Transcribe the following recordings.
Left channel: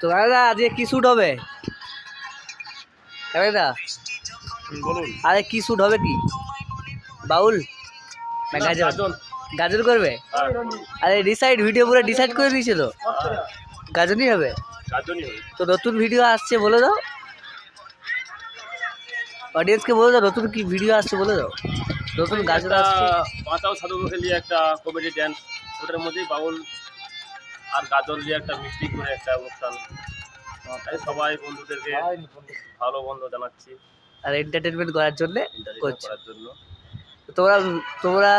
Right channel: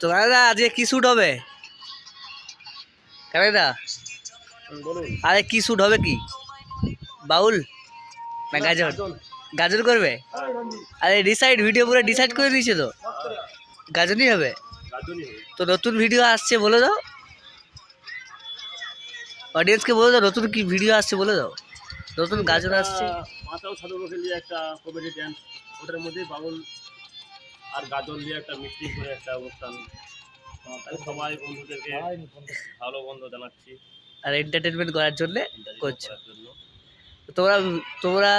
তো দাদা আজকে কি শ্যুট হবে? বলুন। আরে কি শ্যুট হবে কি? বাউল? না গাজর? গাজর। করবে? হ্যাঁ। আরে ডিসাইড ভিডিও পুরো ডিসাইড করে গাজনই হবে? গাজনই হবে। তো নতুন ভিডিও আসছে বলে দাও। অডিয়েন্সকে বলে দাও নতুন কি ভিডিও আসছে বলে দাও। নতুন গাজর আসছে। বাঁচাও নিয়ে একটা কমেডি ড্যান্স ওটার মধ্যেই বাউল আর গাজল দিয়ে একটা মিষ্টি করে একটা অনুষ্ঠান। তাই সবাই বন্ধুদেরকে ভালো বন্ধ জানাচ্ছি। আর এন্টারটেনমেন্ট করার জন্য করার জন্য। তোমরা তোমরা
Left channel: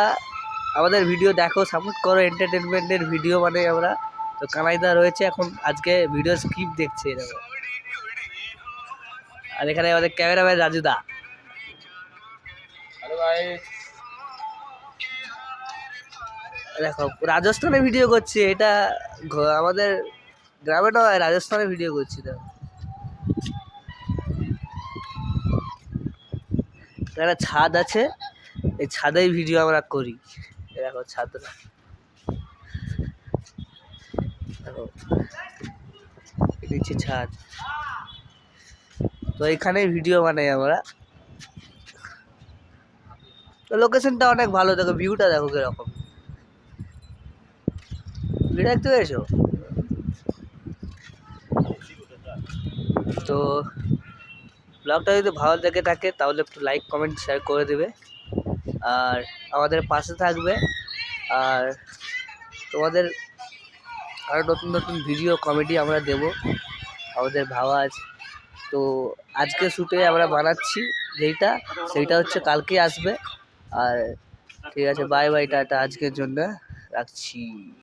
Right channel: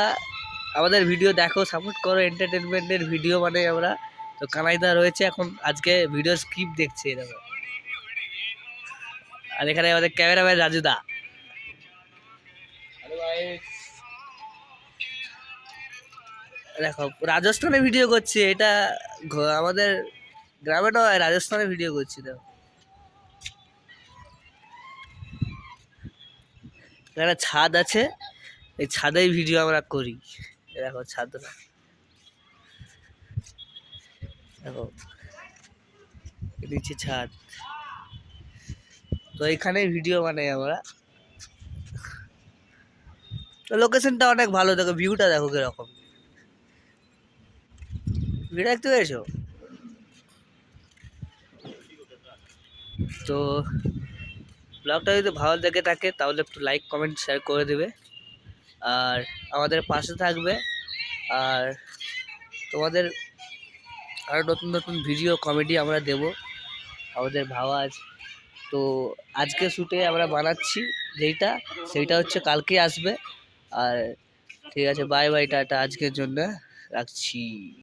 আমাদের ভিডিও দেখো সাপোর্ট করো এন্টারটেনমেন্টের ভিডিও মানে আমরা। তো কানাইদা রয়েছে এখন আজকে ভিডিও স্ক্রিপ্ট দেখছে এরকম আর এখানে আমাদের ক্যামেরাম্যান রাজুদা দেখো, রাজস্থানে ভিডিও করছি, এটা আমাদের গ্রামে নয়, রাজস্থানে ভিডিও করছি, দেখো। একটা ছাদ আছে, এই ছাদেই ভিডিও আমরা করি। দেখো, ছাদ। দেখো নিচে ছাদ। তো এখানেই ভিডিও বানাই আমরা। লোকেশনটা অনেক ভালো, দেখো ভিউটা দেখো কীরকম। ভিউ দেখতে পেয়েছ তো ব্লগটা যদি ভালো লেগে থাকে, তাহলে একটু লাইক কমেন্ট শেয়ার করে দেবে। আর আমাদের পাশে থাকবে। আর তোমাদের আরও নতুন নতুন ভিডিও কমেডি আমরা দেব। আমাদের আছে তো আজকে শ্যুটে আমরা বানাচ্ছি যেইটা, সেইটা হচ্ছে কালকে আসবে। আর ঠিক আছে বাই বাই টাটা। আজকের জন্য রাখছি।